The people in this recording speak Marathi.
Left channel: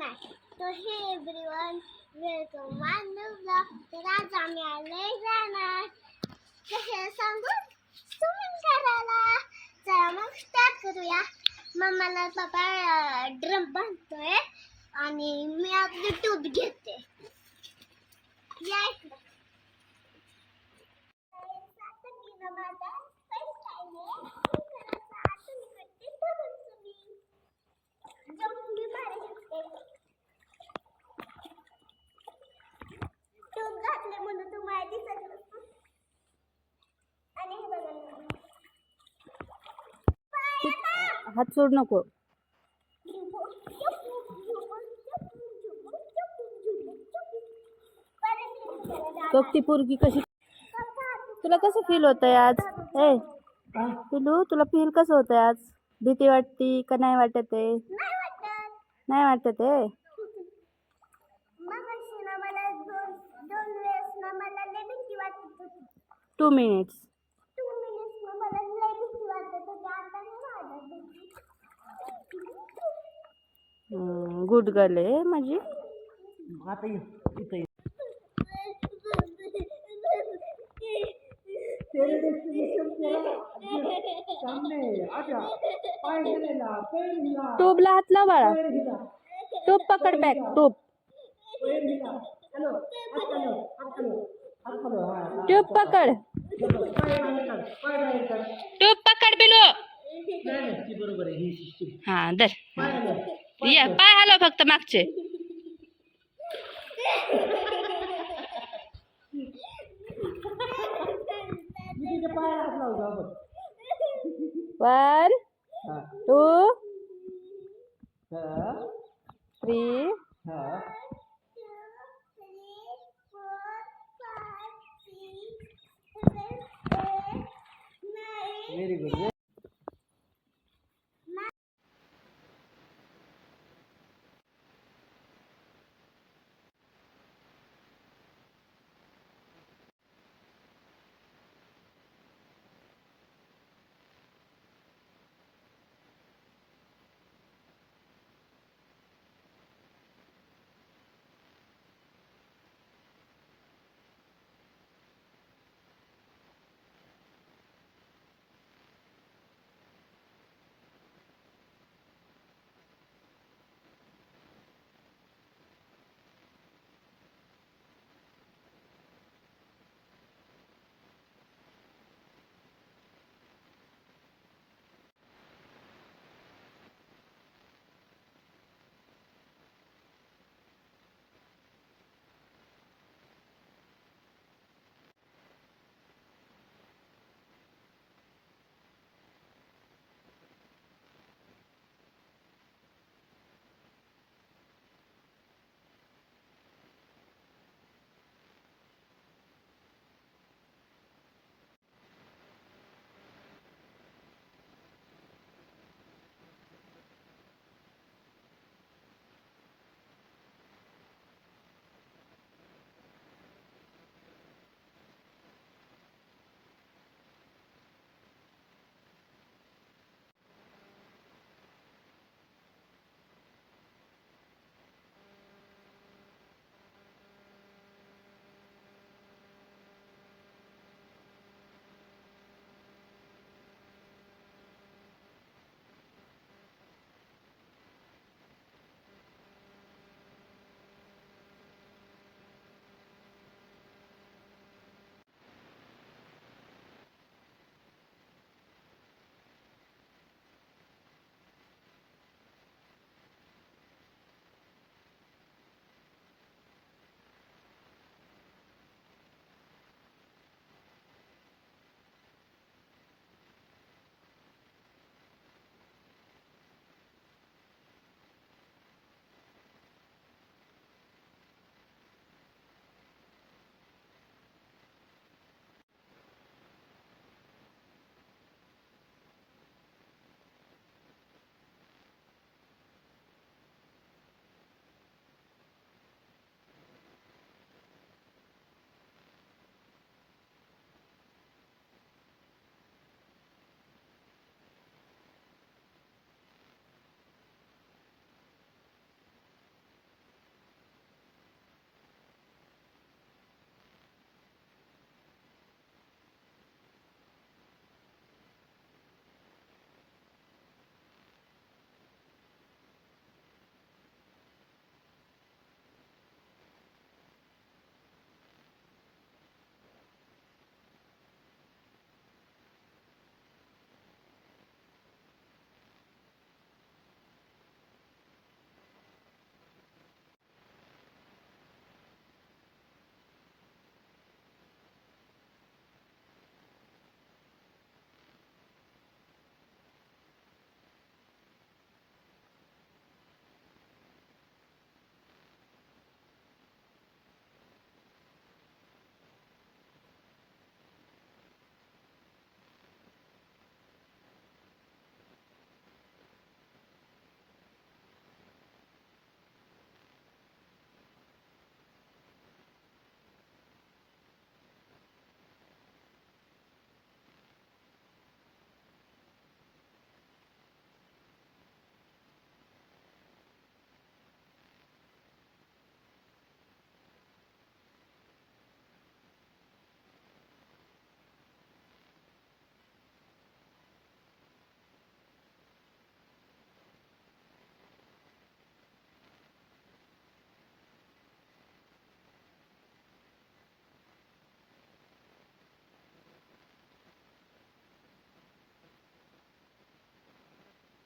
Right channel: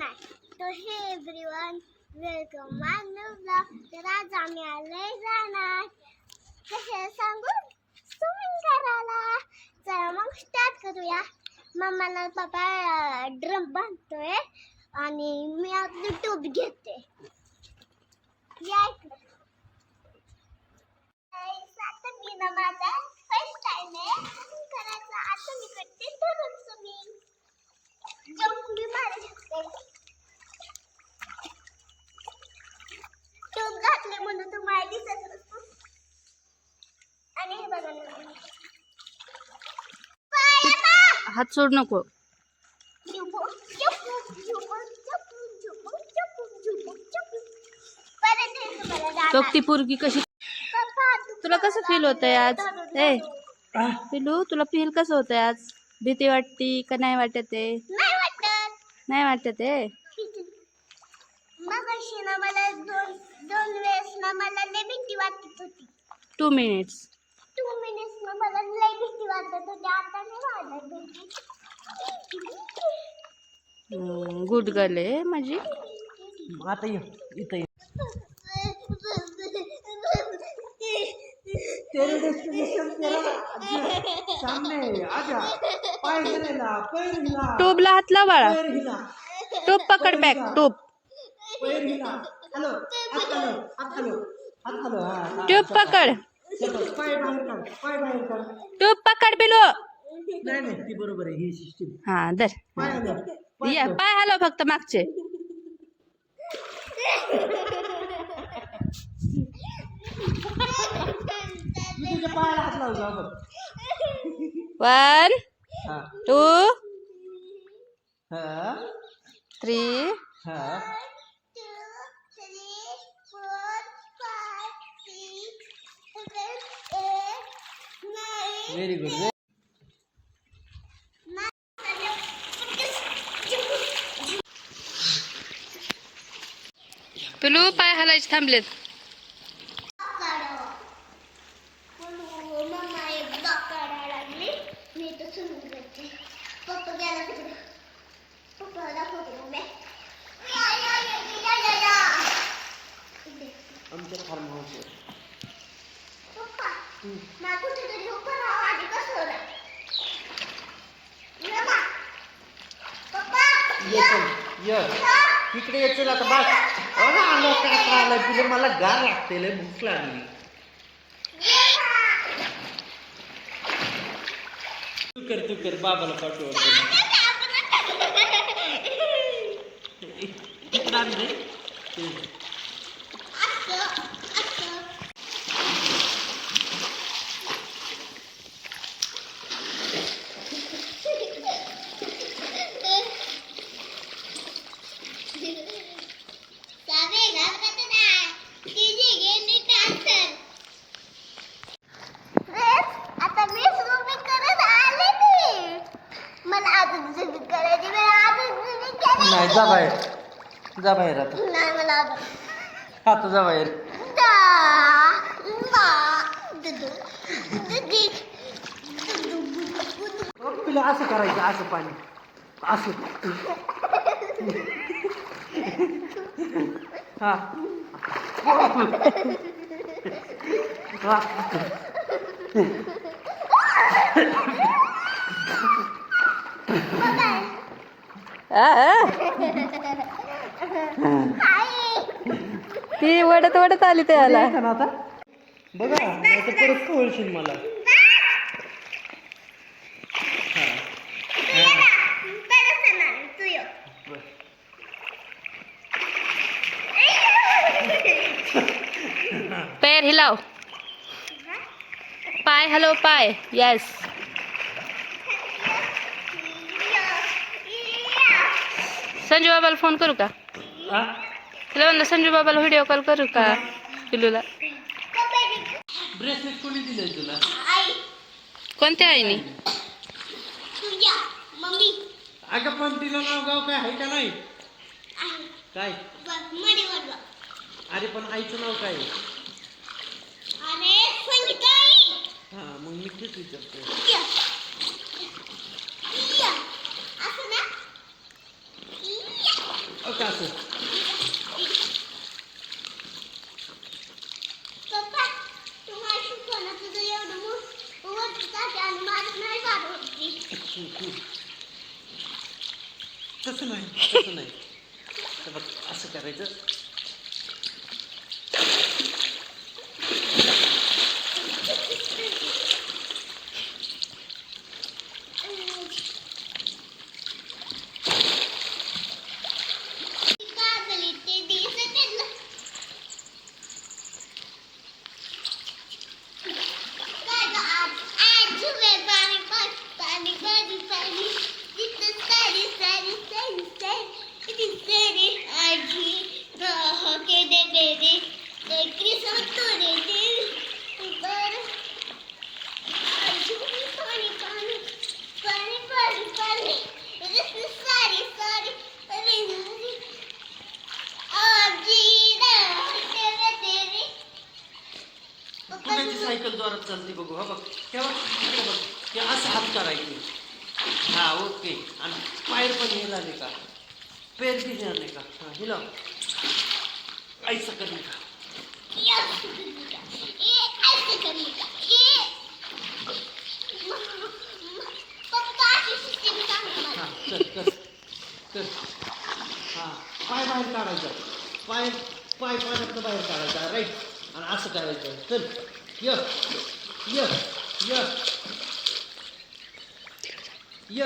नाही. तो हे एव्हरीवन वेलकम माय न्यू ब्लॉग. तर आज आम्ही आलोय जाणार कसे सांगू स्विमिंग करायला. चला मग स्टार्ट करूया. मम्माला पप्पा ड्रम बांधतोय आणि मी आपली ट्यूब घेते. या इकडे. आता मी ना माझा फर्स्ट टाइम आहे करायचं. आता मी करते धरून स्विमिंग. जंप मी मारू शकते. ट्यूब घातले म्हणून तुम्हाला दिसत नसतो. आणि हे बघा ना. हात सोड नको. ती पोरगी कशी तुला कसं फील होतंय आज? ए पिलू तुला फील कसं होतंय आज? भीती वाटती का नाही वाटत आहे? नाही वाटत आहे. मगाशी ना मला दोन वेळेस ना मला लय भीती वाटत होती. 2 मिनिट्स ना मला लय भीती वाटत होती. आता नाही वाटत भीती. गुड गर्ल आहे माझी. आता इथं तेरे डेस्टिनेशन तेरा सामने आजा. पाय हिला, पैर हिला. टूबला हात लाव बाळा. पैर हिला. टूब पकड बॅक. टूब पैर हिला. हॅलो हात हॅलो हात हॅलो हात हॅलो. हा ट्यूब पकड. पाय बाहेर काढ. पाय बाहेर काढ. ट्यूब पकड बिलू. नाही नाही ती बरोबर आहे ही सिस्टीम. हा दर. पाय हॅलो. या पाय हलव फक्त मागचे. मी तुझ्या पायाला हात लावतो आपण. 1 हा 2 हा 3 हा 2, 3, 4, 5, 6, 7, 8, 9. Very good. पिलू पाय हलायचे थांबलेत. मम्मा एक ब्लॉक काढायला लागली. मी तर सुरू करते. पप्पा गेला तिकडे. पप्पा दाखवते मम्मी. आमच्या फार्म हाऊसवर. पप्पा मला कुठेतरी उभं राहावं आधी कसं होणार. पप्पा इकडे येतो आता बस. आलं काय आलं तुला. मला गार लागते लय भूक लागली. तू कर बाबाला पाठव. इकडं आण रे. आता मी स्विमिंग करत आले. मला अजून स्विमिंग करायची. नाही जा बाहेर. जा बाहेर आता. नाही मला आता जा बाहेर. तुला असं करायचं. असं पाणी असं. हा ती वडत वडत आली त्याला. आता बघा नाही तर परत कळशील मला. पैर हिलाव. पाय हलव पाय. यस. संजू बाबाला फोन करू का? तुला म्हणलं संजू बाबाला व्हिडिओ कॉल करू का पिलूला? ब्रेसलेट कोणी दिलंय तुला? कोणत्या आईने? अगं पण तिला नाव गाव काय आहे का नाही? काय? अरे पण आईचं नाव काय? हा मग मी तेच विचारतो. फक्त असं. पप्पा तुम्हाला शिकवलं तुझं एवढं वरती जाते आणि माझं नाही जात वरती. तसं नाही, तसं नाही. हे बघ असं करायचं. काजली ते दिसत आहे. काय गं आज झुमे पाणी पाणी पाणी पाणी तिथं सारी सारी सारी सारी सारी आजी के दे दे दे क्रिसमस तोडे दे बर झुमे पाणी पाणी पाणी पाणी पाणी तिथं सारी सारी आजी तेरे तेरे कुणाची सायकल जोरात चालते बघू. हा बघ तेव्हा हे बघ ते असं हात करायचे. हा ओके. आणि पायर पण हे झाले का, पेर बी झाले का, हा हिला ऐसा करणे का. हा कर कर कर. हा पाय बाहेर काढायचा. पाय पाय पाण्यातनं बाहेर काढायचा. राईट. आणि असं करायचं. चल य य य य